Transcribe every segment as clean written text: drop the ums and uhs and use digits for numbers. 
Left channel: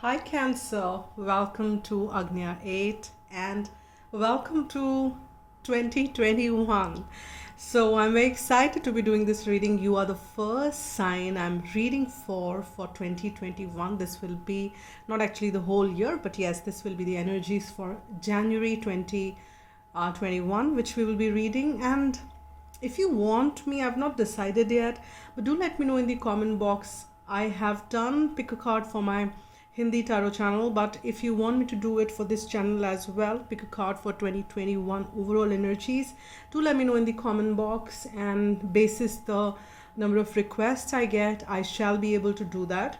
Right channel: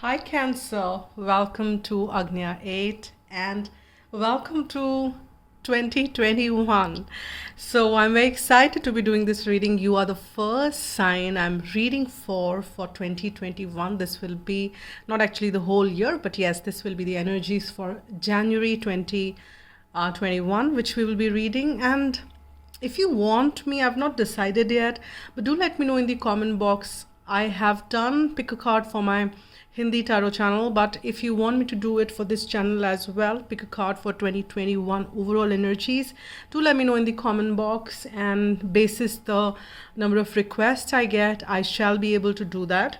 Hi Cancer, welcome to Agnya 8 and welcome to 2021. So I'm very excited to be doing this reading. You are the first sign I'm reading for 2021. This will be not actually the whole year, but yes, this will be the energies for January 2021, which we will be reading. And if you want me, I've not decided yet, but do let me know in the comment box. I have done pick a card for my Hindi tarot channel, but if you want me to do it for this channel as well, pick a card for 2021 overall energies, do let me know in the comment box, and basis the number of requests I get, I shall be able to do that.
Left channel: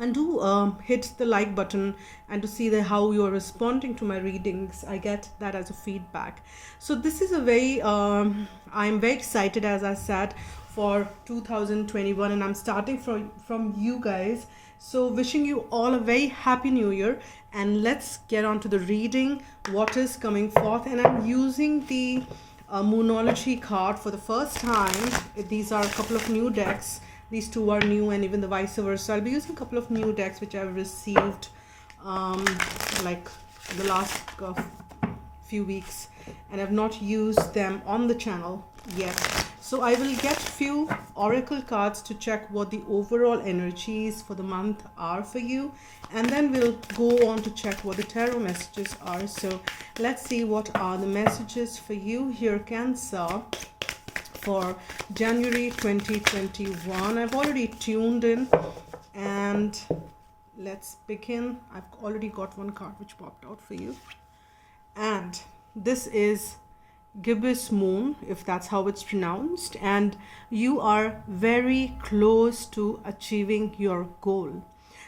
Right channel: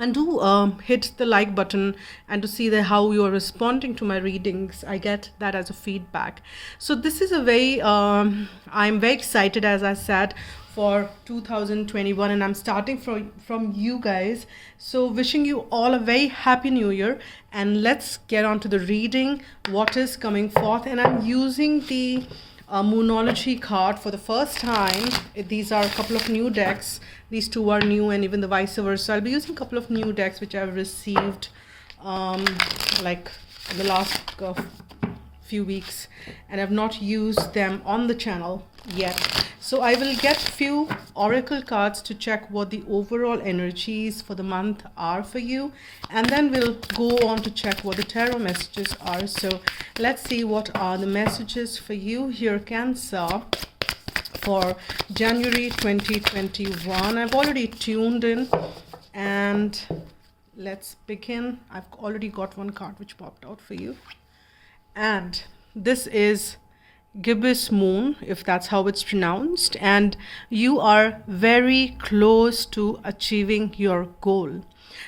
And do hit the like button and to see how you are responding to my readings. I get that as a feedback. So this is a very I'm very excited, as I said, for 2021, and I'm starting from you guys. So wishing you all a very happy new year, and let's get on to the reading, what is coming forth. And I'm using the Moonology card for the first time. These are a couple of new decks. These two are new, and even the vice versa. I'll be using a couple of new decks which I've received like the last few weeks, and I've not used them on the channel yet. So I will get few oracle cards to check what the overall energies for the month are for you, and then we'll go on to check what the tarot messages are. So let's see what are the messages for you here, Cancer, for January 2021. I've already tuned in, and let's begin. I've already got one card which popped out for you, and this is gibbous moon, if that's how it's pronounced, and you are very close to achieving your goal.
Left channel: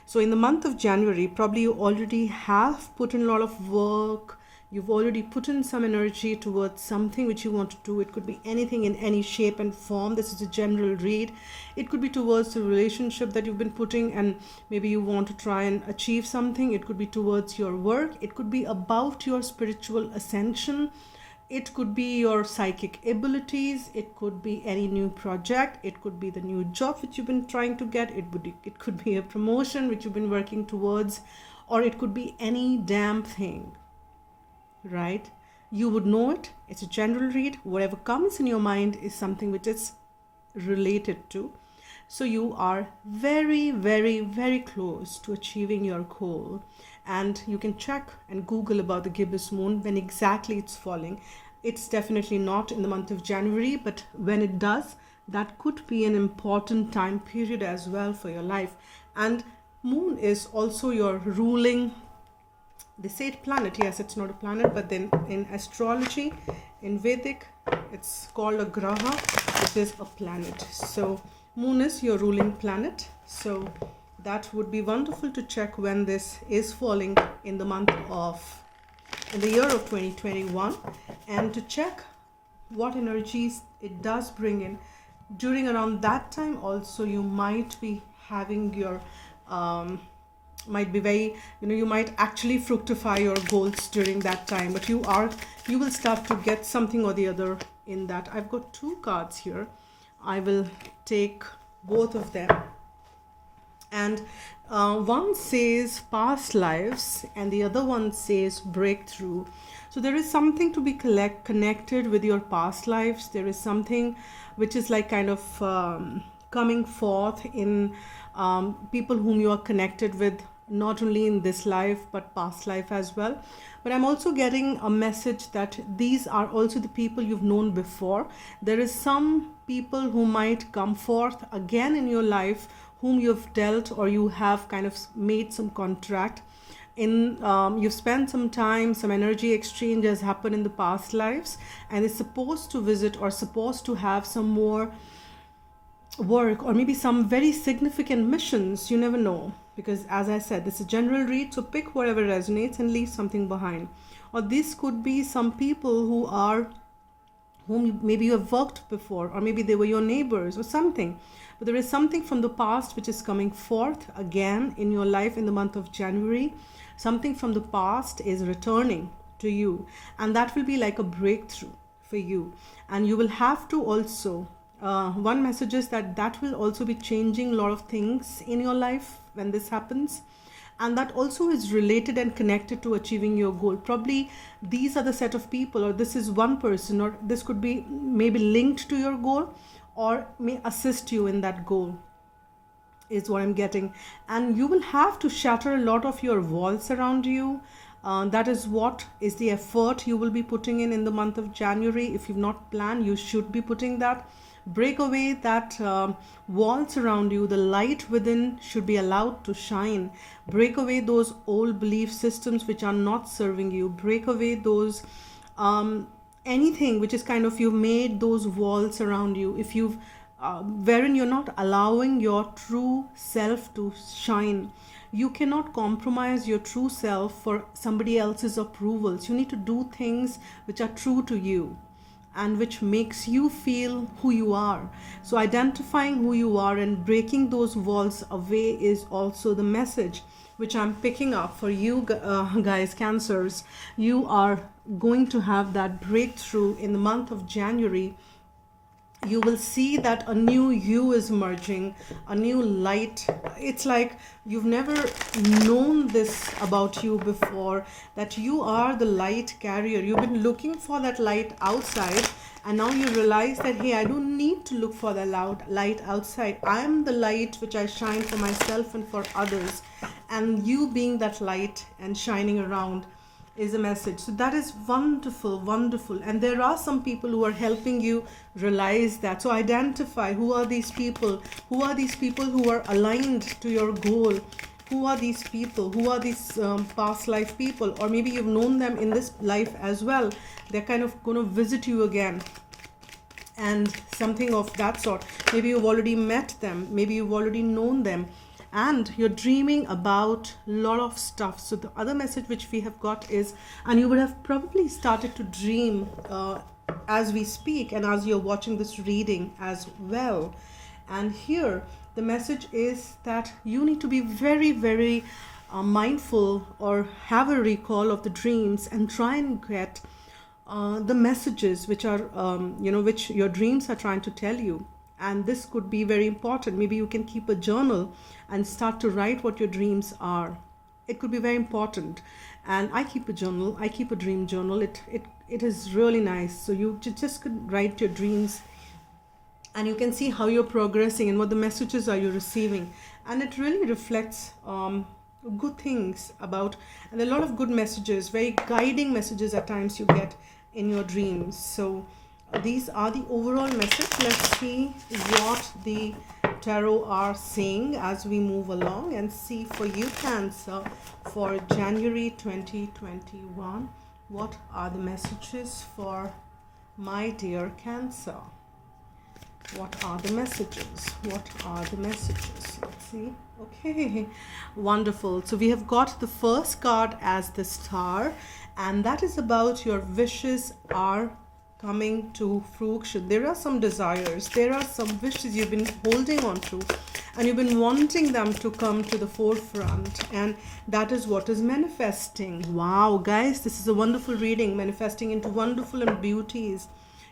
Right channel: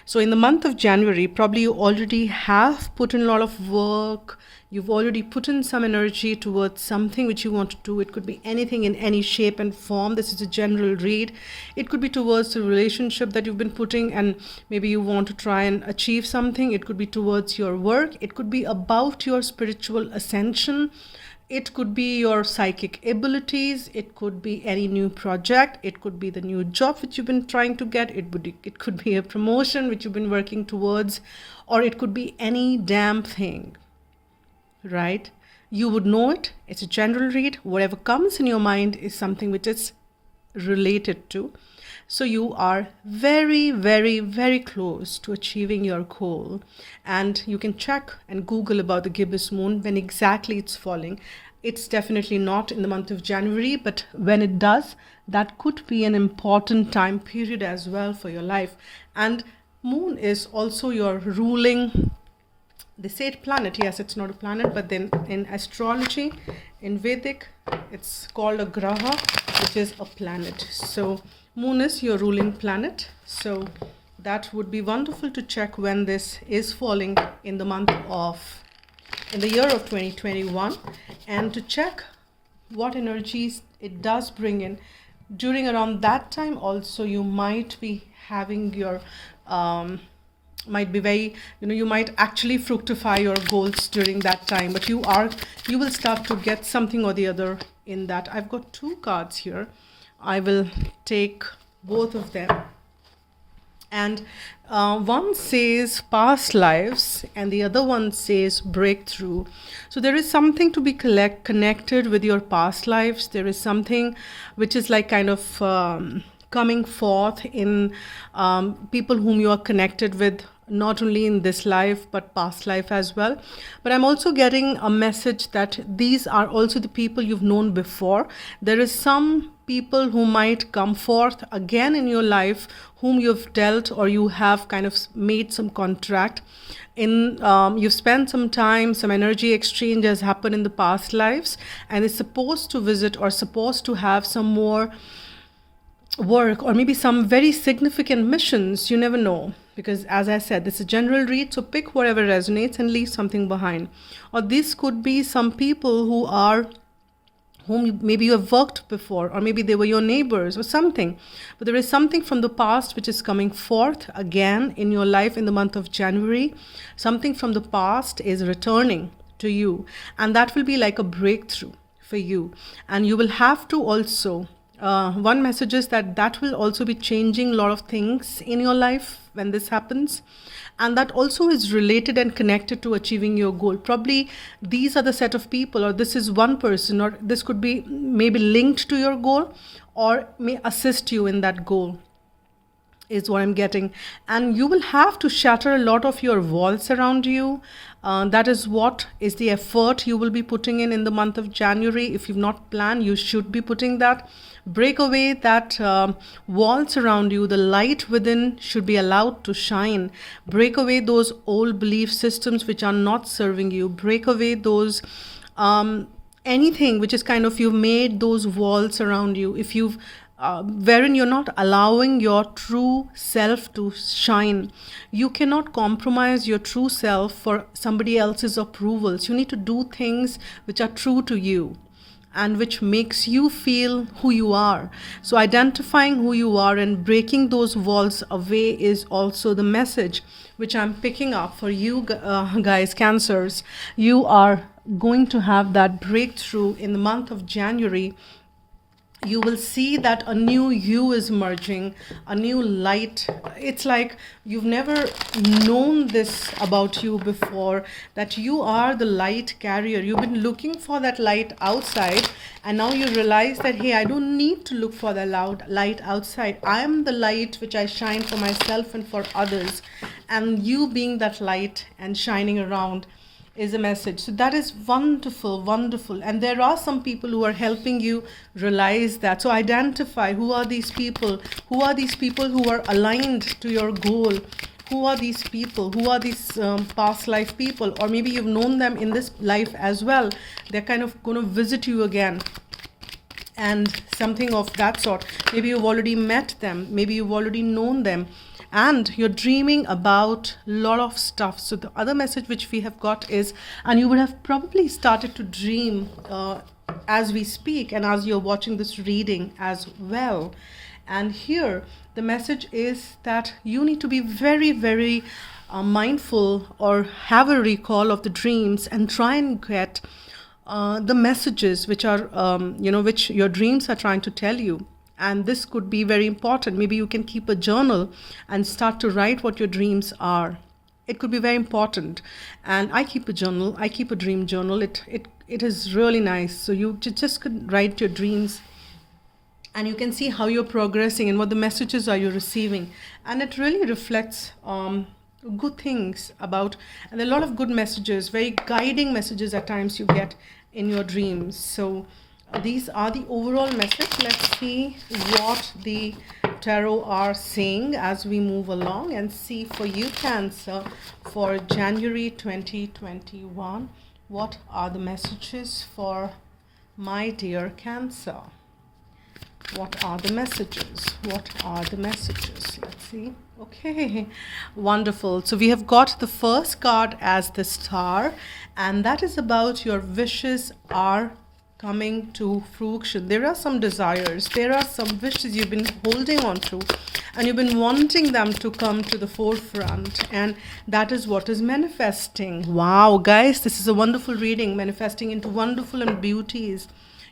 So in the month of January, probably you already have put in a lot of work. You've already put in some energy towards something which you want to do. It could be anything in any shape and form. This is a general read. It could be towards the relationship that you've been putting, and maybe you want to try and achieve something. It could be towards your work. It could be about your spiritual ascension. It could be your psychic abilities. It could be any new project. It could be the new job which you've been trying to get. It could be a promotion which you've been working towards, or it could be any damn thing, right? You would know it. It's a general read. Whatever comes in your mind is something which is related to. So you are very, very, very close to achieving your goal. And you can check and Google about the gibbous moon, when exactly it's falling. It's definitely not in the month of January, but when it does, that could be an important time period as well for your life. And moon is also your ruling, they say it planet. Yes, it's not a planet, but then in astrology, in Vedic, it's called a graha, which is a planet. So moon is your ruling planet. So that would be wonderful to check when this is falling in the year of 2021, and to check what energies it does bring in. During around that time also, you might be having your might be very, you might actually fructify your goals during that time, but you will start to get something or the other in that. I've got two cards here. I will take both of them, and one says past lives and the other one says breakthrough. So there is something to be connected with your past lives. There is something which is like kind of coming forth in people whom you are connected with, not only in this life but past life as well. But I'm also getting a message that these are also the people you've known before. There is some people who might come forth again in your life, whom you've dealt, or you have kind of made some contract in. You've spent some time, some energy exchange has happened in the past lives, and it's supposed to visit or supposed to have some more work, or maybe some very significant missions. You never know, because as I said, this is a general read, so pick whatever resonates and leave something behind. Or this could be some people whom maybe you have worked before, or maybe they were your neighbors or something, but there is something from the past which is coming forth again in your life in the month of January. Something from the past is returning to you, and that will be like a breakthrough for you. And you will have to also one message is that will also be changing a lot of things in your life when this happens. and that also is related and connected to achieving your goal. Probably these are the set of people, or this is one person, or this could be maybe linked to your goal or may assist you in that goal, is what I'm getting. And you will have to shatter a lot of your walls around you. That is what is the effort you will be putting in the month of January. If you've not planned, you should be putting that. Break away that walls around you. The light within should be allowed to shine. Break away those old belief systems which are not serving you. Break away those anything which is kind of, you've made those walls around you. If you've wherein you're not allowing your true self to shine. You cannot compromise your true self for somebody else's approvals. You need to do things which are true to you and which makes you feel who you are. So identifying who you are and breaking those walls away is also the message which I'm picking up for you guys, Cancers. You are going to have that breakthrough in the month of January. You will see that a new you is emerging, a new light. It's like you've never known this about you before, that you are the light carrier. You've been looking for that light outside, and now you realize that, hey, I don't need to look for the light outside. I am the light which I shine for myself and for others. And you being that light and shining around is a message. So that is wonderful, wonderful. And there are some people who are helping you realize that. So identify who are these people, who are these people who are aligned to your goal, who are these people, who are these past life people, or maybe you've known them in this life as well. They're kind of going to visit you again and something of that sort. Maybe you've already met them, maybe you've already known them, and you're dreaming about a lot of stuff. So the other message which we have got is, and you would have probably started to dream as we speak and as you're watching this reading as well. And here the message is that you need to be very, very mindful, or have a recall of the dreams and try and get the messages which are which your dreams are trying to tell you. And this could be very important. Maybe you can keep a journal and start to write what your dreams are. It could be very important. And I keep a journal. I keep a dream journal. It is really nice. So you just could write your dreams, and you can see how you're progressing and what the messages are you're receiving. And it really reflects good things about, and a lot of good messages, very guiding messages at times you get in your dreams. So these are the overall message. Let's see what the tarot are saying as we move along, and see for you, Cancer, for January 2021. What are the messages for my dear Cancer? What are the messages? What are the messages? Let's see. Okay, wonderful. So we have got the first card as the Star, and that is about your wishes are coming to fruition. There are some desires, there are some wishes you've been holding on to, and you've been wanting them to come to the forefront, and that is what is manifesting. Wow, guys, this is a wonderful reading, manifesting into wonderful and beauties.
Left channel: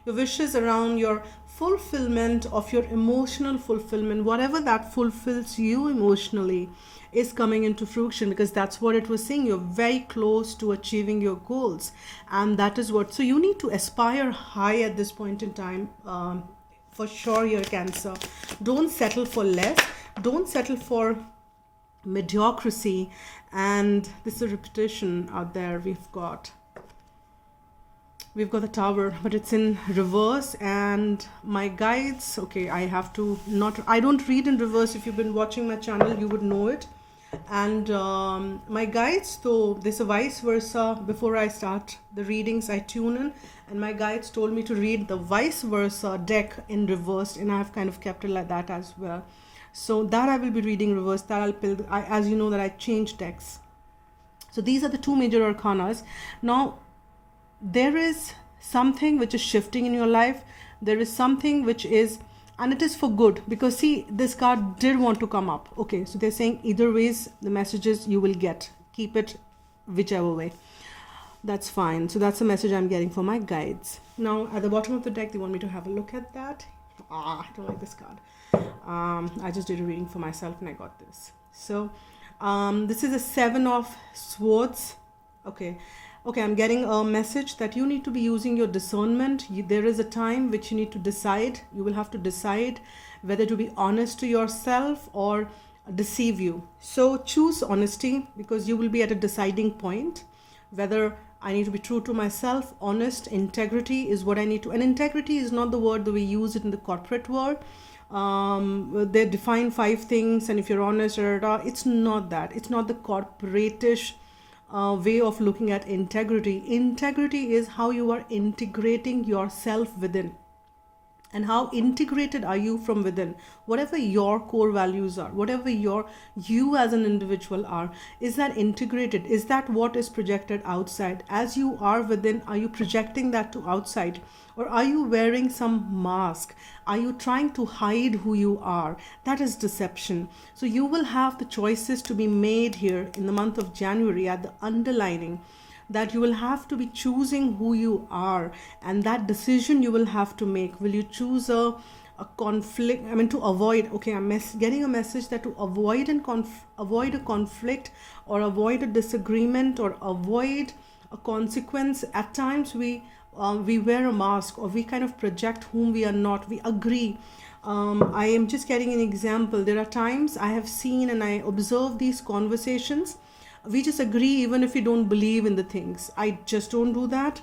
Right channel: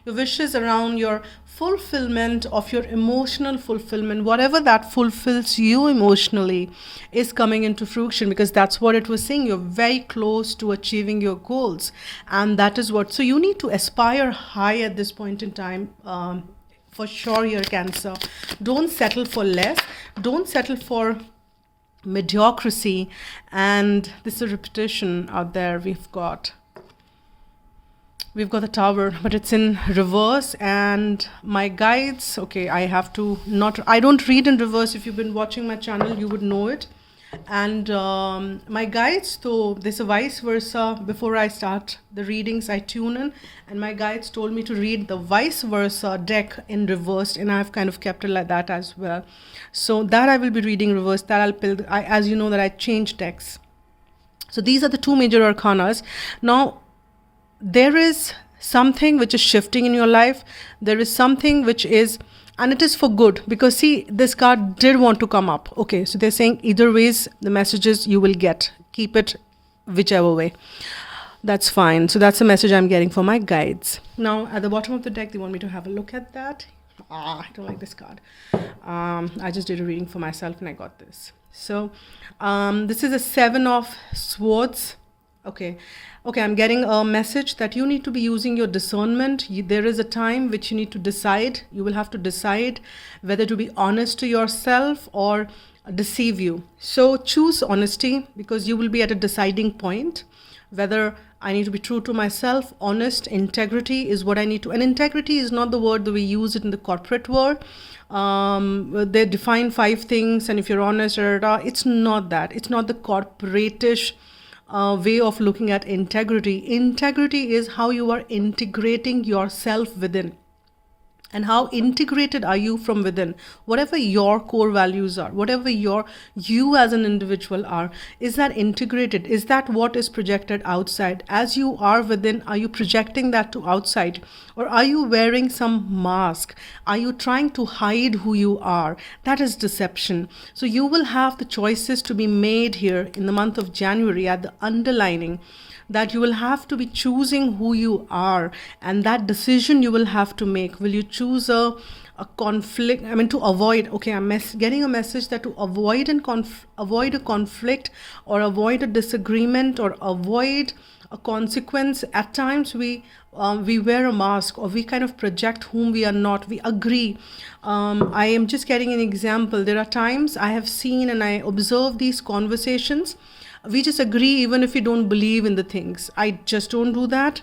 Your wishes around your fulfillment of your emotional fulfillment, whatever that fulfills you emotionally, is coming into fruition, because that's what it was saying. You're very close to achieving your goals, and that is what, so you need to aspire high at this point in time, for sure, your Cancer. Don't settle for less, don't settle for mediocrity. And this is a repetition out there. We've got the Tower, but it's in reverse. And my guides, okay, I don't read in reverse. If you've been watching my channel, you would know it. And my guides, though, there's a vice versa. Before I start the readings, I tune in, and my guides told me to read the vice versa deck in reverse, and I've kind of kept it like that as well. So that I will be reading reverse, that I'll build. As you know, that I change decks. So these are the two major arcanas. Now, there is something which is shifting in your life. There is something which is, and it is for good, because see, this card did want to come up. Okay, so they're saying either ways, the messages you will get, keep it whichever way, that's fine. So that's the message I'm getting for my guides. Now at the bottom of the deck, they want me to have a look at that. I don't like this card. I just did a reading for myself and I got this. So This is a Seven of Swords. Okay. Okay, I'm getting a message that you need to be using your discernment. There is a time which you need to decide. You will have to decide whether to be honest to yourself or deceive you. So choose honesty, because you will be at a deciding point whether I need to be true to myself. Honest, integrity is what I need to. And integrity is not the word that we use it in the corporate world. They define 5 things, and if you're honest, it's not that. It's not the corporatish way of looking at integrity. Integrity is how you are integrating yourself within. And how integrated are you from within? Whatever your core values are, whatever you as an individual are, is that integrated? Is that what is projected outside? As you are within, are you projecting that to outside? Or are you wearing some mask? Are you trying to hide who you are? That is deception. So you will have the choices to be made here in the month of January at the underlining, that you will have to be choosing who you are, and that decision you will have to make. Will you choose a conflict? I mean, to avoid, okay, I'm getting a message that to avoid avoid a conflict, or avoid a disagreement, or avoid a consequence. At times we wear a mask, or we kind of project whom we are not. We agree. I am just getting an example. There are times I have seen and I observe these conversations. We just agree even if we don't believe in the things. I just don't do that.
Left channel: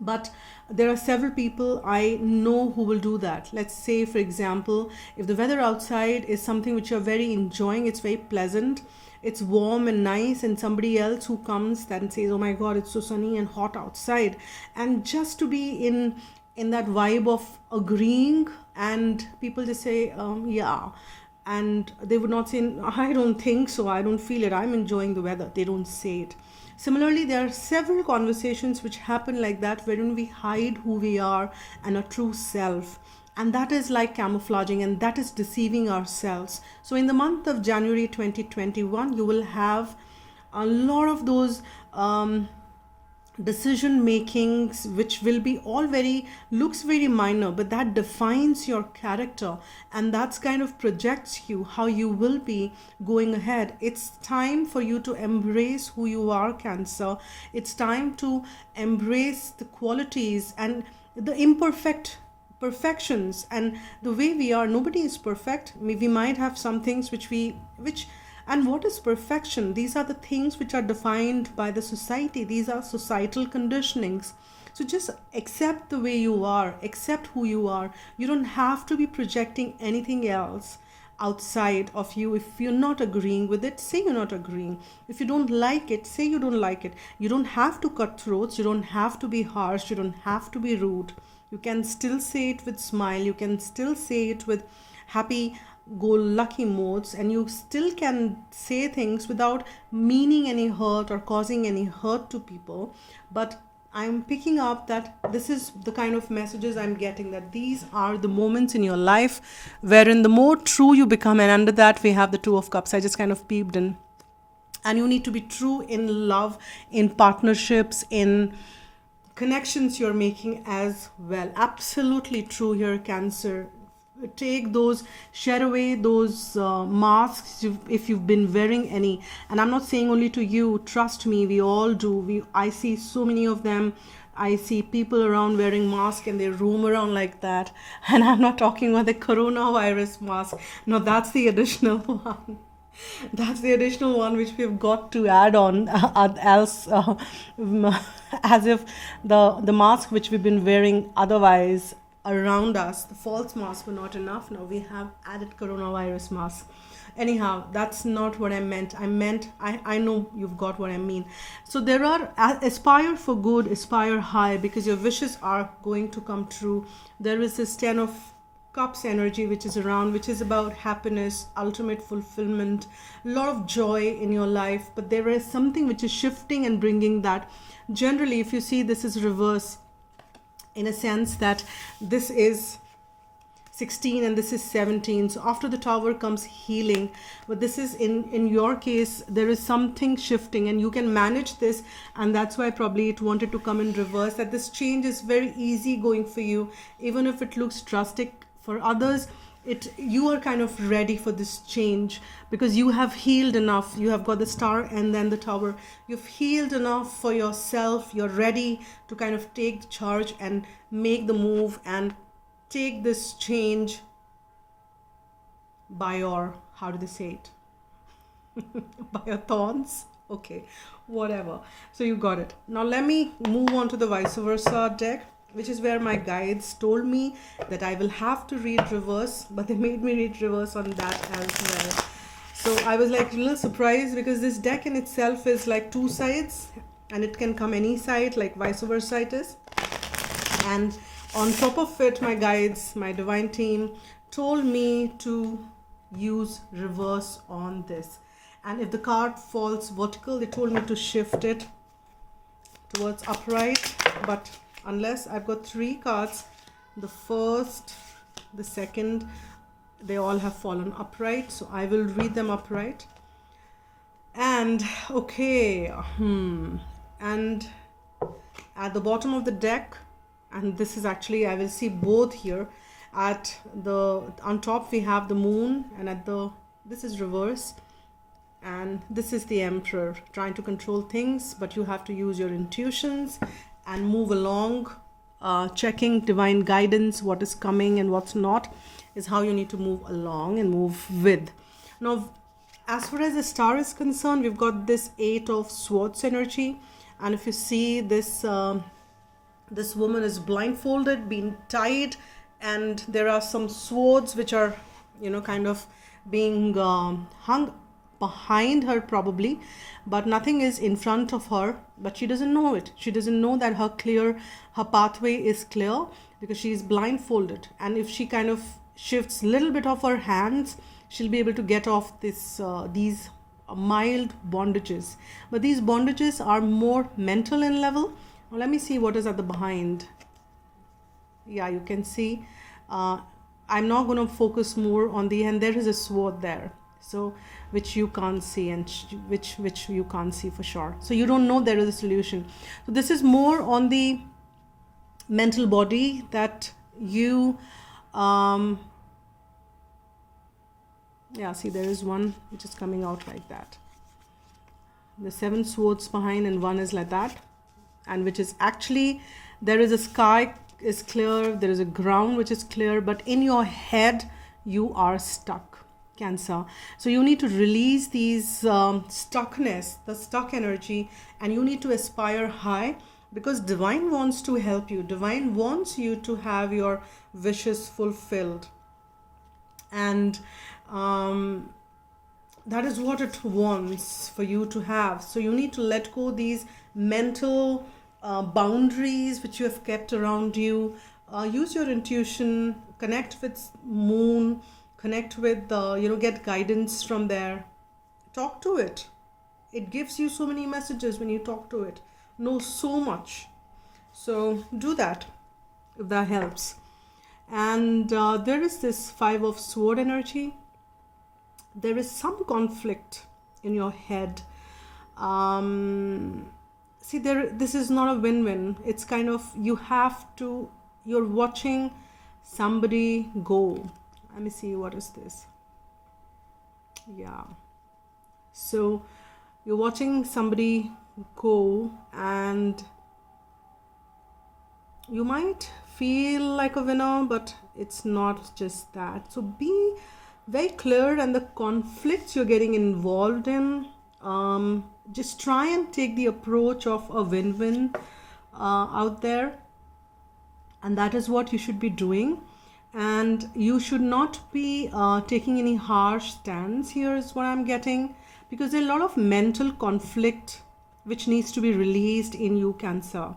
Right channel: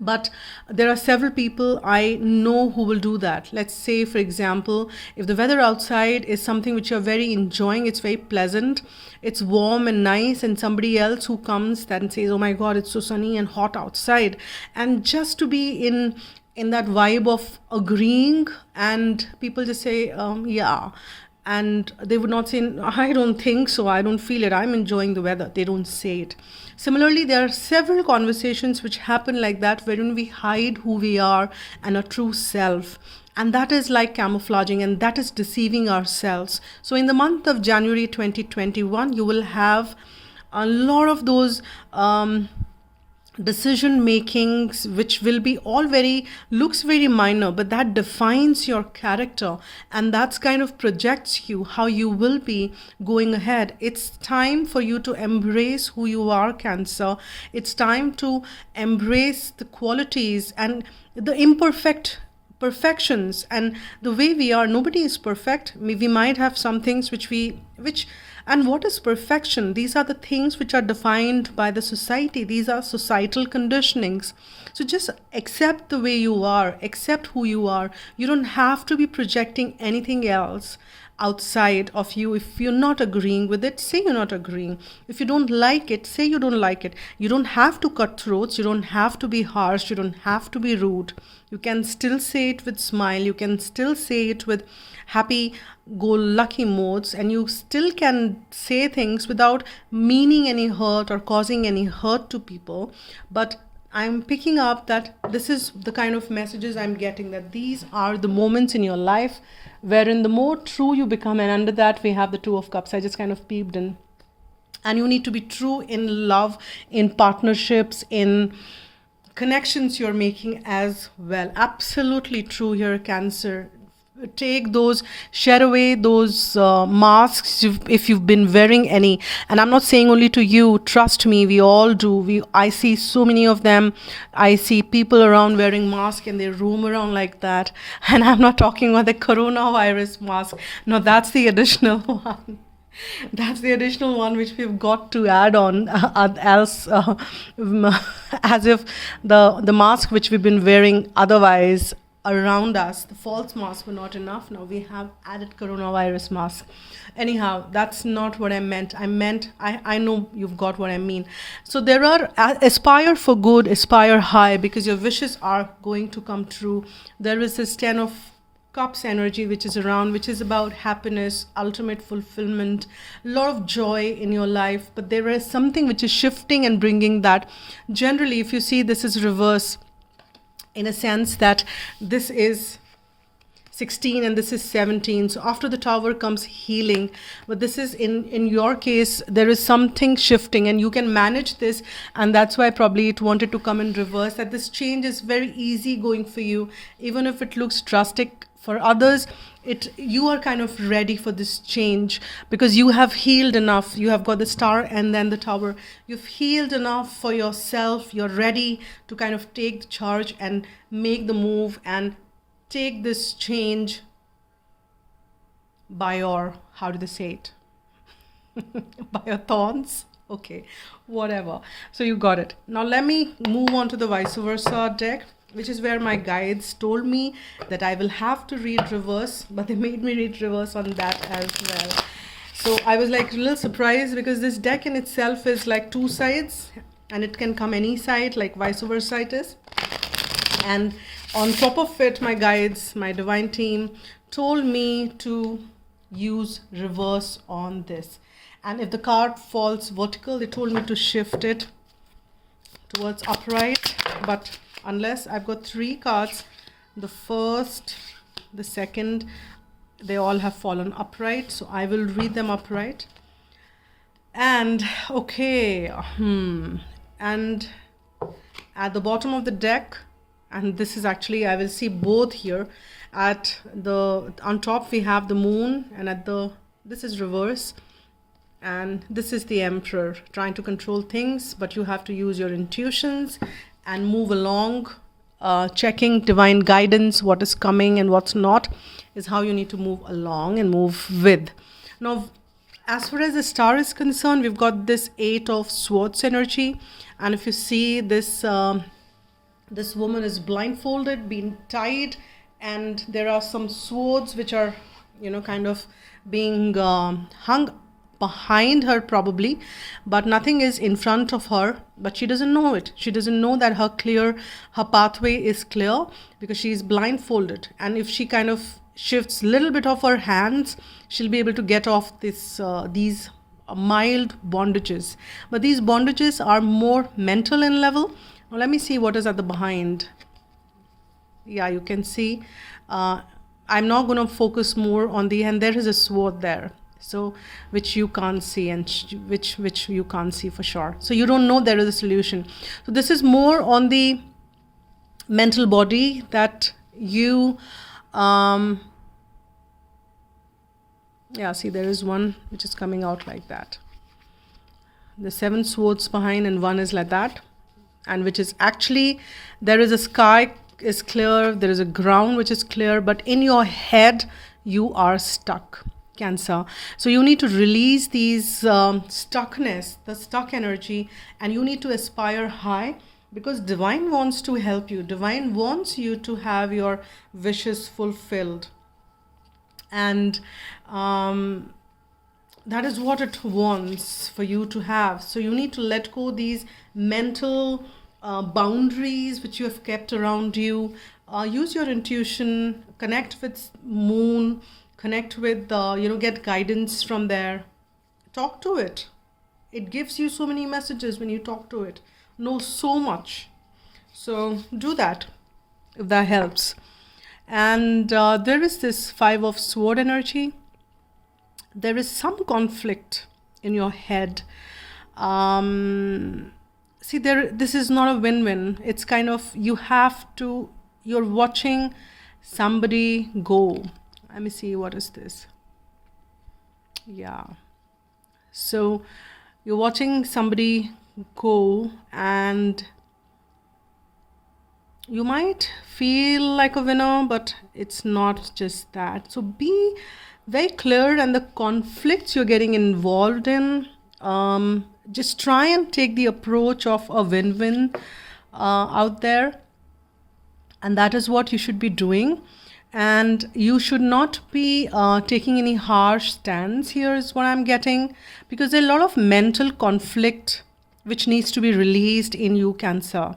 But there are several people I know who will do that. Let's say, for example, if the weather outside is something which you're very enjoying, it's very pleasant, it's warm and nice, and somebody else who comes and says, oh my God, it's so sunny and hot outside. And just to be in that vibe of agreeing, and people just say, yeah. And they would not say, I don't think so, I don't feel it, I'm enjoying the weather. They don't say it. Similarly, there are several conversations which happen like that, wherein we hide who we are and our true self. And that is like camouflaging, and that is deceiving ourselves. So in the month of January 2021, you will have a lot of those decision makings, which will be all looks very minor, but that defines your character, and that's kind of projects you how you will be going ahead. It's time for you to embrace who you are, Cancer. It's time to embrace the qualities and the perfections and the way we are. Nobody is perfect. We might have some things which and what is perfection? These are the things which are defined by the society. These are societal conditionings. So just accept the way you are, accept who you are. You don't have to be projecting anything else outside of you. If you're not agreeing with it, say you're not agreeing. If you don't like it, say you don't like it. You don't have to cut throats. You don't have to be harsh. You don't have to be rude. You can still say it with smile. You can still say it with happy-go-lucky modes, and you still can say things without meaning any hurt or causing any hurt to people. But I'm picking up that this is the kind of messages I'm getting, that these are the moments in your life wherein the more true you become, and under that we have the Two of Cups. I just kind of peeped in. And you need to be true in love, in partnerships, in connections you're making as well. Absolutely true here, Cancer. Take those, shed away those masks if you've been wearing any. And I'm not saying only to you, trust me, we all do. I see so many of them. I see people around wearing masks and they roam around like that. And I'm not talking about the coronavirus mask. No, that's the additional one. That's the additional one which we've got to add on, else as if the mask which we've been wearing otherwise around us, the false masks, were not enough. Now we have added coronavirus mask. Anyhow, that's not what I meant. I know you've got what I mean. So there are, aspire for good, aspire high, because your wishes are going to come true. There is this 10 of Cups energy which is around, which is about happiness, ultimate fulfillment, a lot of joy in your life. But there is something which is shifting and bringing that. Generally, if you see, this is reverse, in a sense that this is 16 and this is 17. So after the Tower comes healing, but this is in your case, there is something shifting and you can manage this. And that's why probably it wanted to come in reverse, that this change is very easy going for you, even if it looks drastic for others. you are kind of ready for this change because you have healed enough. You have got the Star and then the Tower. You've healed enough for yourself. You're ready to kind of take the charge and make the move and take this change by your, how do they say it? By your thorns. Okay, whatever. So you got it. Now let me move on to the vice versa deck, which is where my guides told me that I will have to read reverse, but they made me read reverse on that as well. So I was like a little surprised because this deck in itself is like two sides and it can come any side, like vice versa it is. And on top of it, my guides, my divine team told me to use reverse on this. And if the card falls vertical, they told me to shift it towards upright. But unless I've got three cards, the first, the second, they all have fallen upright. So I will read them upright. And okay, and at the bottom of the deck, and this is actually, I will see both here. On top we have the Moon, and this is reverse. And this is the Emperor trying to control things, but you have to use your intuitions and move along, checking divine guidance, what is coming and what's not is how you need to move along and move with. Now, as far as the Star is concerned, we've got this 8 of Swords energy. And if you see this, this woman is blindfolded, being tied, and there are some swords which are, kind of being hung behind her probably, but nothing is in front of her, but she doesn't know it. She doesn't know that her pathway is clear because she is blindfolded. And if she kind of shifts a little bit of her hands, she'll be able to get off these mild bondages. But these bondages are more mental in level. Now let me see what is at the behind. Yeah, you can see. I'm not going to focus more on and there is a sword there. So which you can't see, and which you can't see for sure. So you don't know there is a solution. So this is more on the mental body that you see, there is one which is coming out like that. The 7 swords behind and one is like that, and which is actually, there is a sky is clear, there is a ground which is clear, but in your head you are stuck, Cancer. So you need to release these stuckness, the stuck energy, and you need to aspire high because divine wants to help you. Divine wants you to have your wishes fulfilled, and that is what it wants for you to have. So you need to let go these mental boundaries which you have kept around you. Use your intuition, connect with Moon, connect with get guidance from there. Talk to it. It gives you so many messages when you talk to it. Know so much. So do that if that helps. And there is this 5 of Sword energy. There is some conflict in your head. See, this is not a win-win. It's kind of, you're watching somebody go. Let me see, what is this? Yeah. So you're watching somebody go, and you might feel like a winner, but it's not just that. So be very clear, and the conflicts you're getting involved in, just try and take the approach of a win-win out there. And that is what you should be doing. And you should not be taking any harsh stance here is what I'm getting, because there's a lot of mental conflict which needs to be released in you, Cancer.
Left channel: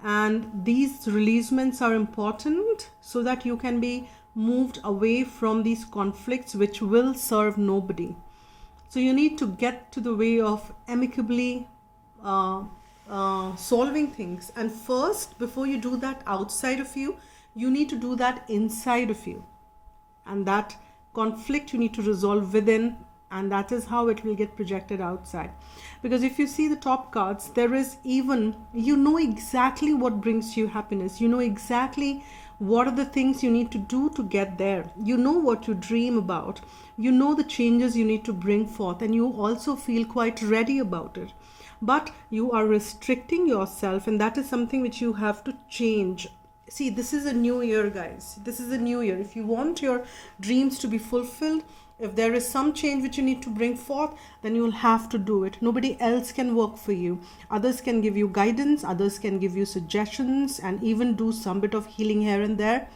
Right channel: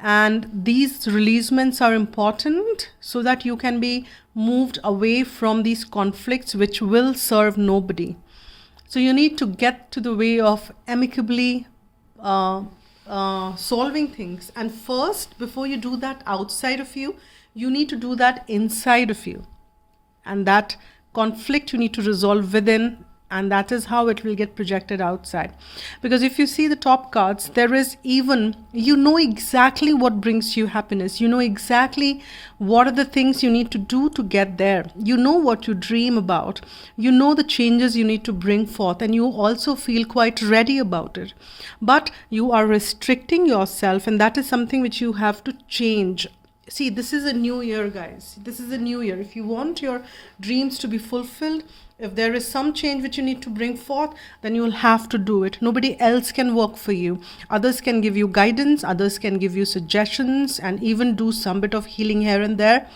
And these releasements are important so that you can be moved away from these conflicts which will serve nobody. So you need to get to the way of amicably solving things. And first, before you do that outside of you, you need to do that inside of you. And that conflict you need to resolve within, and that is how it will get projected outside. Because if you see the top cards, there is even, you know exactly what brings you happiness. You know exactly what are the things you need to do to get there. You know what you dream about. You know the changes you need to bring forth, and you also feel quite ready about it. But you are restricting yourself, and that is something which you have to change. See, this is a new year, guys. This is a new year. If you want your dreams to be fulfilled, if there is some change which you need to bring forth, then you will have to do it. Nobody else can work for you. Others can give you guidance, others can give you suggestions, and even do some bit of healing here and there.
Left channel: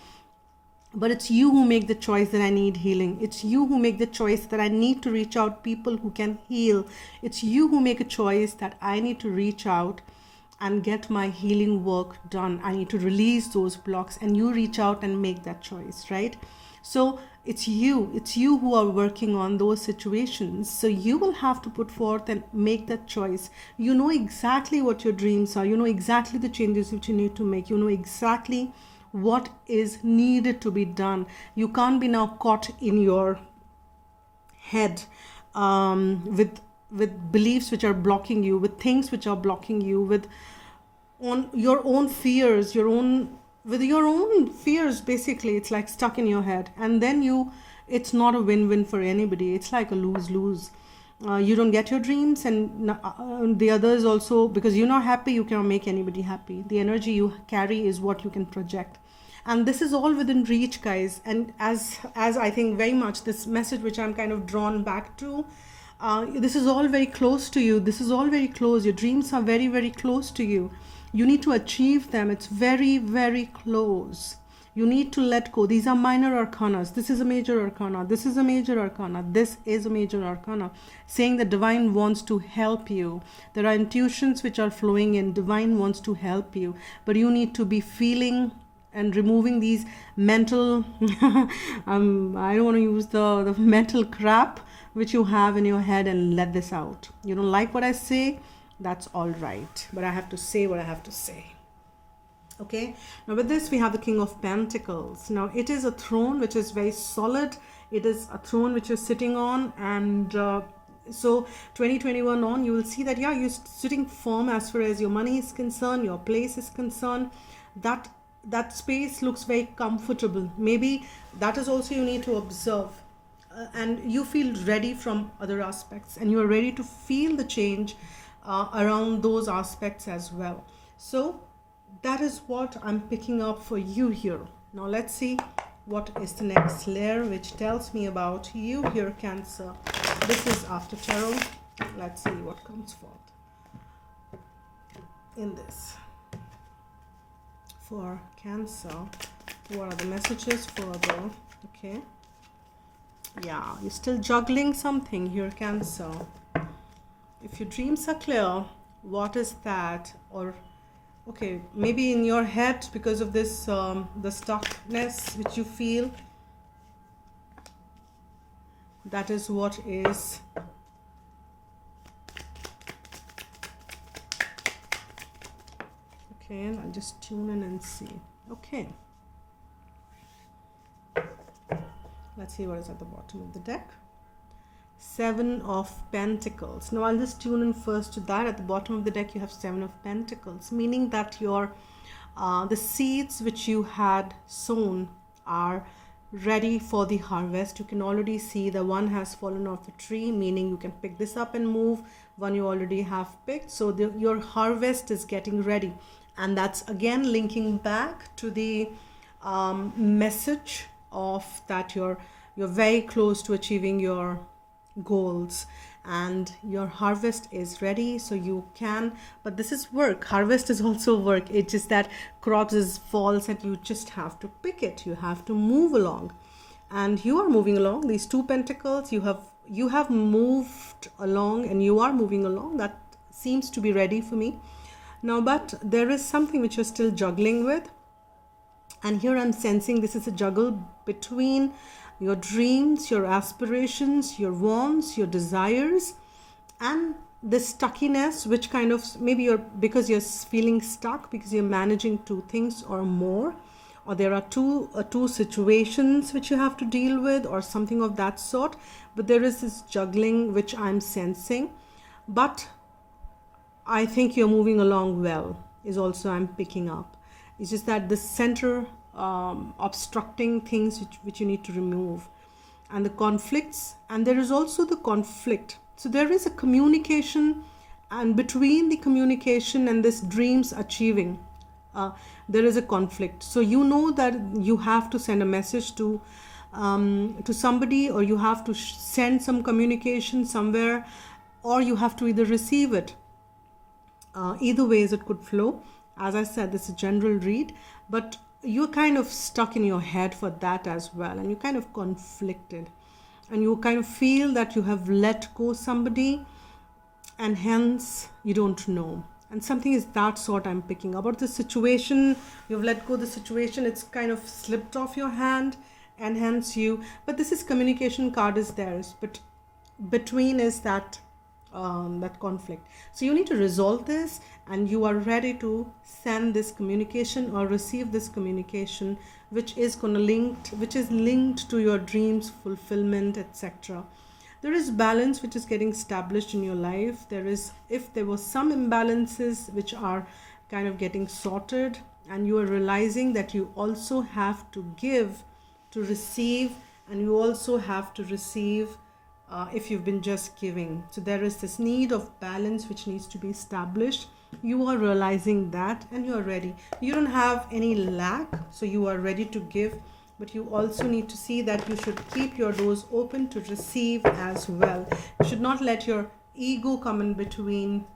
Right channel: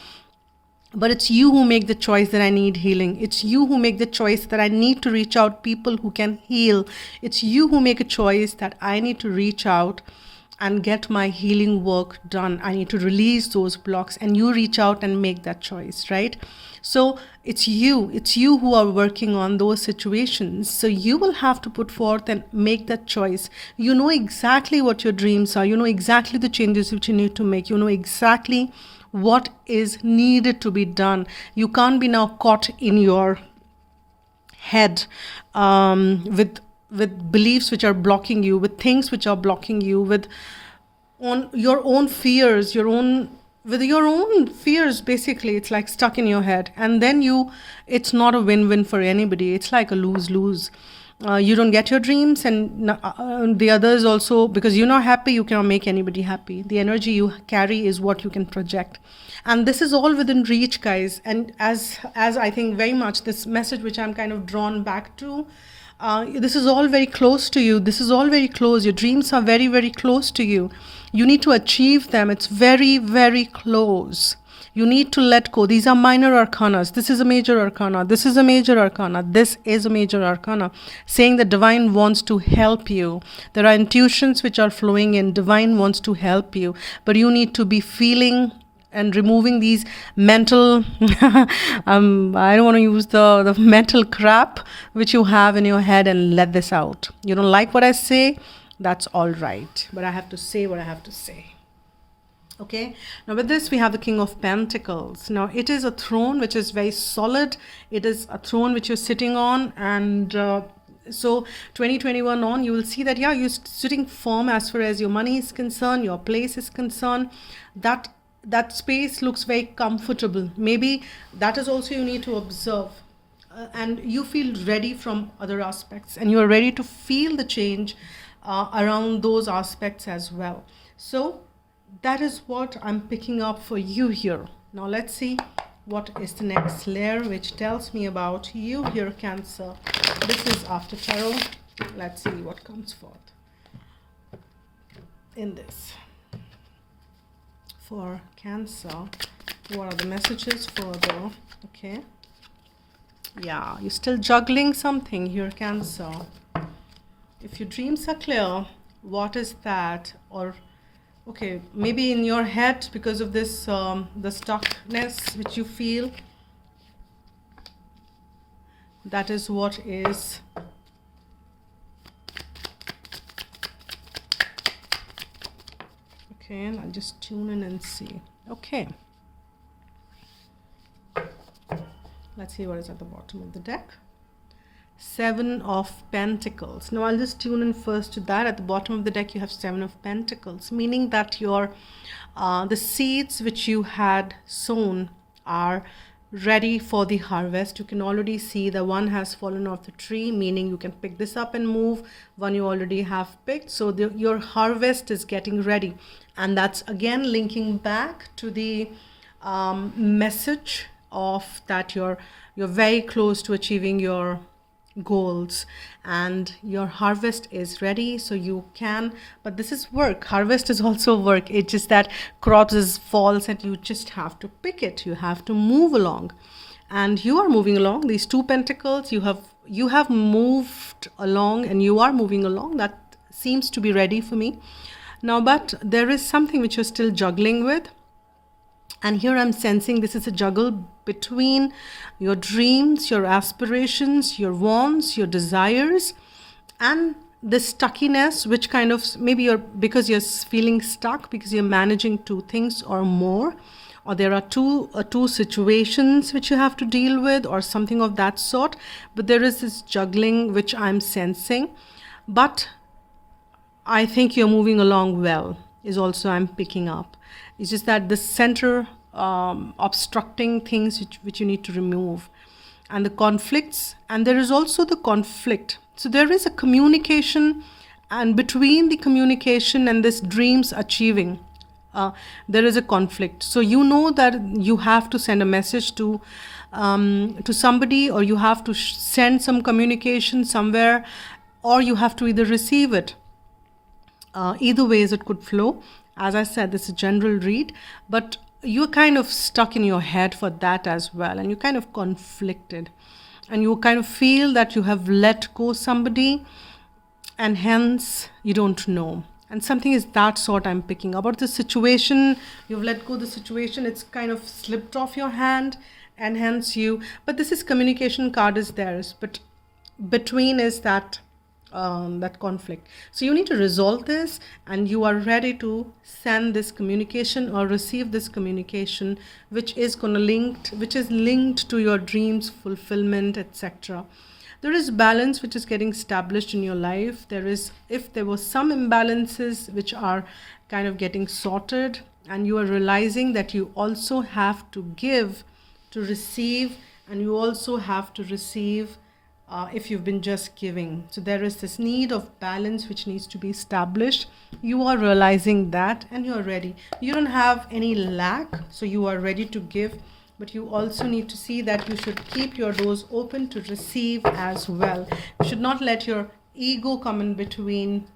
But it's you who make the choice that I need healing. It's you who make the choice that I need to reach out people who can heal. It's you who make a choice that I need to reach out and get my healing work done. I need to release those blocks, and you reach out and make that choice, right? So it's you who are working on those situations. So you will have to put forth and make that choice. You know exactly what your dreams are. You know exactly the changes which you need to make. You know exactly what is needed to be done. You can't be now caught in your head with beliefs which are blocking you, with things which are blocking you, with on your own fears, with your own fears. Basically, it's like stuck in your head, and then it's not a win-win for anybody. It's like a lose-lose. You don't get your dreams, and the others also, because you're not happy, you cannot make anybody happy. The energy you carry is what you can project, and this is all within reach, guys. And as I think very much this message which I'm kind of drawn back to, this is all very close to you. This is all very close. Your dreams are very, very close to you. You need to achieve them. It's very, very close. You need to let go. These are minor arcanas. This is a major arcana. This is a major arcana. This is a major arcana, saying that divine wants to help you. There are intuitions which are flowing in. Divine wants to help you, but you need to be feeling and removing these mental I don't want to use the mental crap which you have in your head, and let this out. You don't like what I say, that's all right, but I have to say what I have to say. Okay, now with this we have the King of Pentacles. Now it is a throne which is very solid. It is a throne which you're sitting on, and so 2021 on, you will see that you're sitting firm as far as your money is concerned, your place is concerned. That space looks very comfortable. Maybe that is also you need to observe, and you feel ready from other aspects, and you are ready to feel the change around those aspects as well. So that is what I'm picking up for you here. Now let's see what is the next layer which tells me about you here, Cancer. This is after tarot. Let's see what comes forth in this. For Cancer, what are the messages further? Okay, yeah, you're still juggling something here, Cancer. If your dreams are clear, what is that? Or okay, maybe in your head, because of this the stuckness which you feel, that is what is okay. I'll just tune in and see. Okay, let's see what is at the bottom of the deck. Seven of Pentacles. Now I'll just tune in first to that. At the bottom of the deck you have Seven of Pentacles, meaning that your the seeds which you had sown are ready for the harvest. You can already see the one has fallen off the tree, meaning you can pick this up and move. One you already have picked, so your harvest is getting ready. And that's again linking back to the message of that you're very close to achieving your goals, and your harvest is ready. So you can, but this is work. Harvest is also work. It's just that crops is falls, and you just have to pick it. You have to move along, and you are moving along. These two pentacles, you have moved along, and you are moving along. That seems to be ready for me now, but there is something which you're still juggling with. And here I'm sensing this is a juggle between your dreams, your aspirations, your wants, your desires, and the stuckiness, which kind of maybe because you're feeling stuck because you're managing two things or more, or there are two situations which you have to deal with, or something of that sort. But there is this juggling which I'm sensing. But I think you're moving along well, is also I'm picking up. It's just that the center obstructing things which you need to remove, and the conflicts, and there is also the conflict. So there is a communication, and between the communication and this dreams achieving, there is a conflict. So you know that you have to send a message to somebody, or you have to send some communication somewhere, or you have to either receive it. Either ways it could flow. As I said, this is a general read, but you're kind of stuck in your head for that as well, and you're kind of conflicted, and you kind of feel that you have let go somebody, and hence you don't know. And something is that sort I'm picking about the situation. You've let go the situation, it's kind of slipped off your hand, and hence but this is communication card is theirs, but between is that conflict. So you need to resolve this, and you are ready to send this communication or receive this communication, which is linked to your dreams fulfillment, etc. There is balance which is getting established in your life. If there was some imbalances which are kind of getting sorted, and you are realizing that you also have to give to receive, and you also have to receive if you've been just giving. So there is this need of balance which needs to be established. You are realizing that, and you are ready. You don't have any lack, so you are ready to give, but you also need to see that you should keep your doors open to receive as well. You should not let your ego come in between,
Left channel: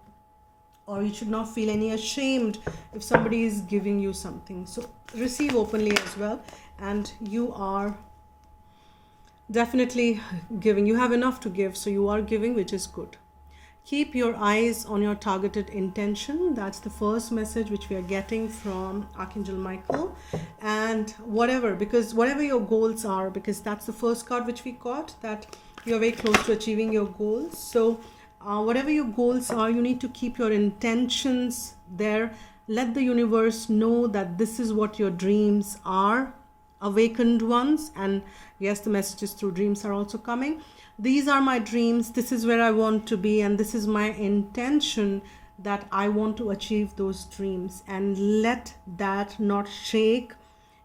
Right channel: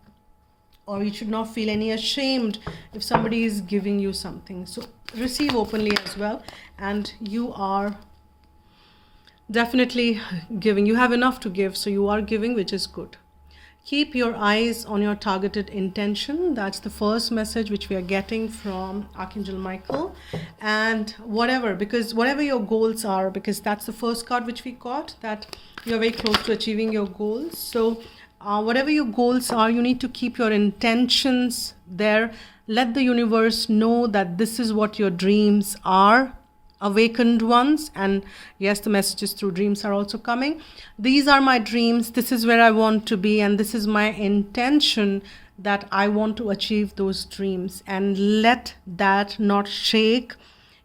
or you should not feel any ashamed if somebody is giving you something. So receive openly as well, and you are definitely giving. You have enough to give, so you are giving, which is good. Keep your eyes on your targeted intention. That's the first message which we are getting from Archangel Michael. And whatever your goals are, because that's the first card which we got, that you're very close to achieving your goals. So whatever your goals are, you need to keep your intentions there. Let the universe know that this is what your dreams are, awakened ones. And yes, the messages through dreams are also coming. These are my dreams, this is where I want to be, and this is my intention, that I want to achieve those dreams. And let that not shake.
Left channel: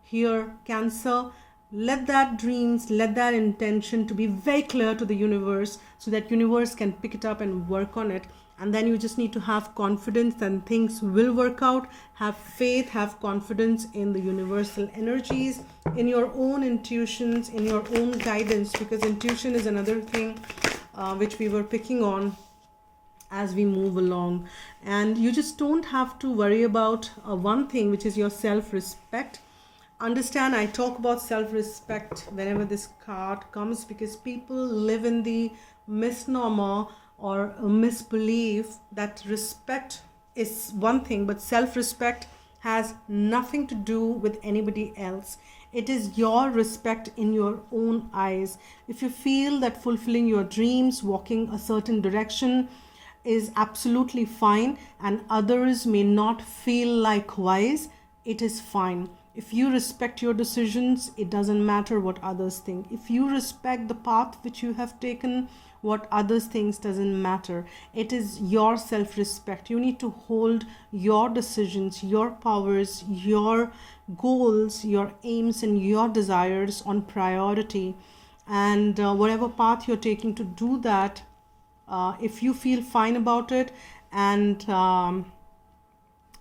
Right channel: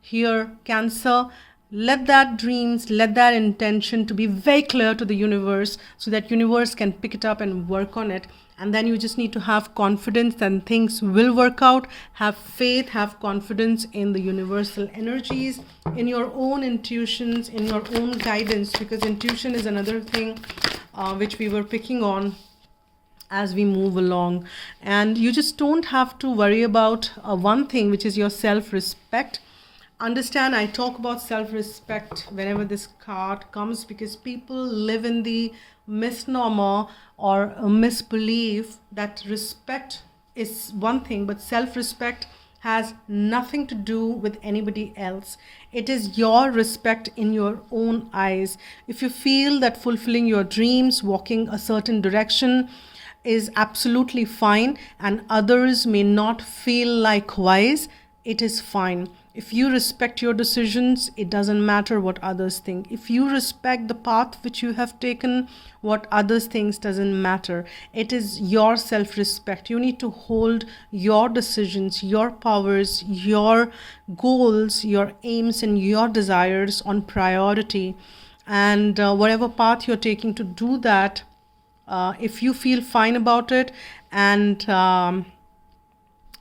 Here, Cancer, let that intention to be very clear to the universe, so that universe can pick it up and work on it. And then you just need to have confidence that things will work out. Have faith, have confidence in the universal energies, in your own intuitions, in your own guidance, because intuition is another thing which we were picking on as we move along. And you just don't have to worry about one thing, which is your self-respect. Understand, I talk about self-respect whenever this card comes, because people live in the misnomer or a misbelief that respect is one thing, but self-respect has nothing to do with anybody else. It is your respect in your own eyes. If you feel that fulfilling your dreams, walking a certain direction is absolutely fine, and others may not feel likewise, it is fine. If you respect your decisions, it doesn't matter what others think. If you respect the path which you have taken, what others think doesn't matter. It is your self-respect. You need to hold your decisions, your powers, your goals, your aims, and your desires on priority. And whatever path you're taking to do that, if you feel fine about it, and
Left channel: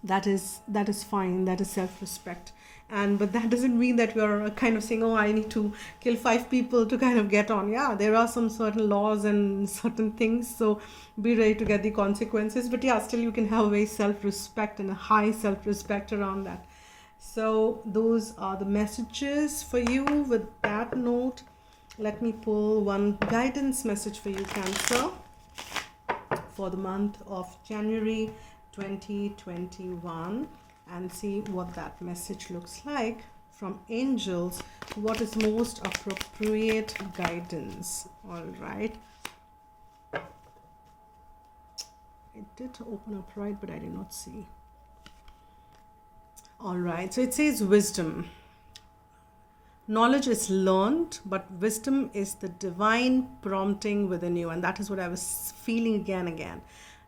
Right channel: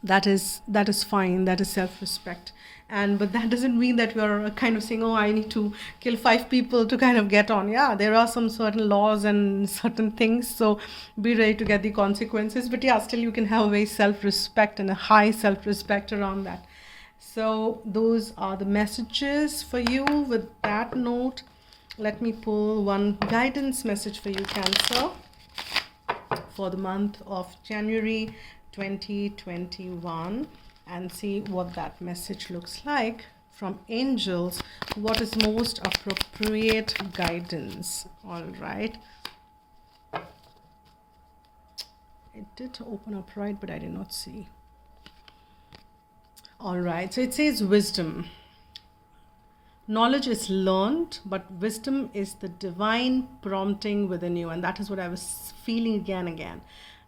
that is fine. That is self-respect. But that doesn't mean that you're kind of saying, oh, I need to kill 5 people to kind of get on. Yeah, there are some certain laws and certain things, so be ready to get the consequences. But yeah, still you can have a very self-respect and a high self-respect around that. So those are the messages for you. With that note, let me pull one guidance message for you, Cancer, for the month of January 2021. And see what that message looks like from angels. What is most appropriate guidance? All right. It did open up right, but I did not see. All right. So it says wisdom. Knowledge is learned, but wisdom is the divine prompting within you. And that is what I was feeling again and again.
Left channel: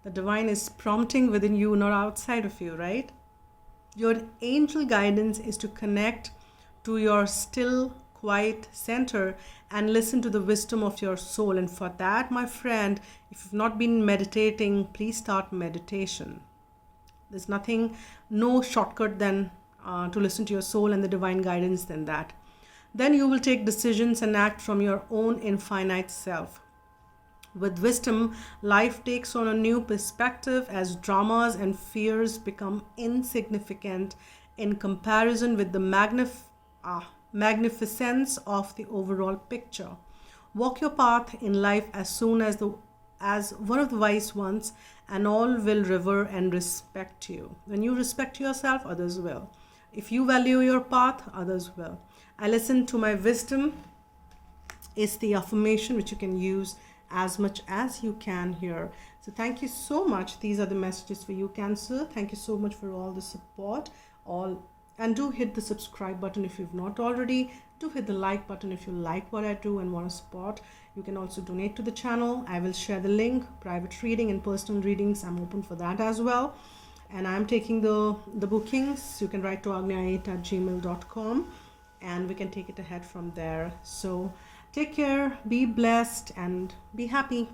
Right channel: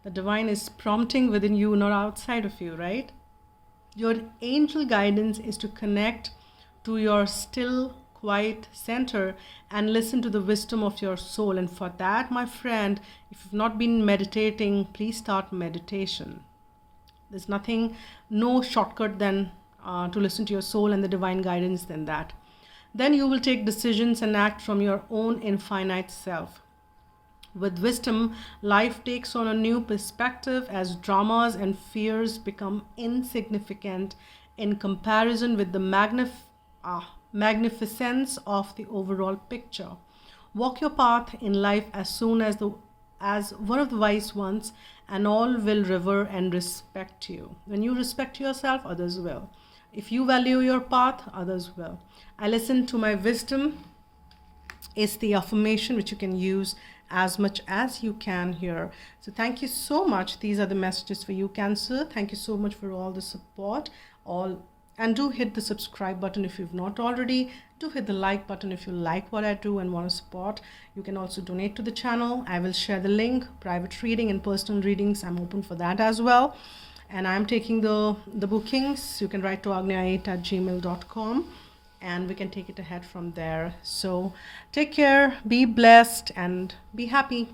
The divine is prompting within you, not outside of you, right? Your angel guidance is to connect to your still, quiet center and listen to the wisdom of your soul. And for that, my friend, if you've not been meditating, please start meditation. There's nothing, no shortcut than to listen to your soul and the divine guidance than that. Then you will take decisions and act from your own infinite self. With wisdom, life takes on a new perspective as dramas and fears become insignificant in comparison with the magnificence of the overall picture. Walk your path in life as soon as one of the wise ones, and all will revere and respect you. When you respect yourself, others will. If you value your path, others will. I listen to my wisdom is the affirmation which you can use as much as you can here. So thank you so much. These are the messages for you, Cancer. Thank you so much for all the support. And do hit the subscribe button if you've not already. Do hit the like button if you like what I do and want to support. You can also donate to the channel. I will share the link. Private reading and personal readings, I'm open for that as well. And I'm taking the bookings. You can write to agnya8@gmail.com and we can take it ahead from there. So take care, be blessed, and be happy.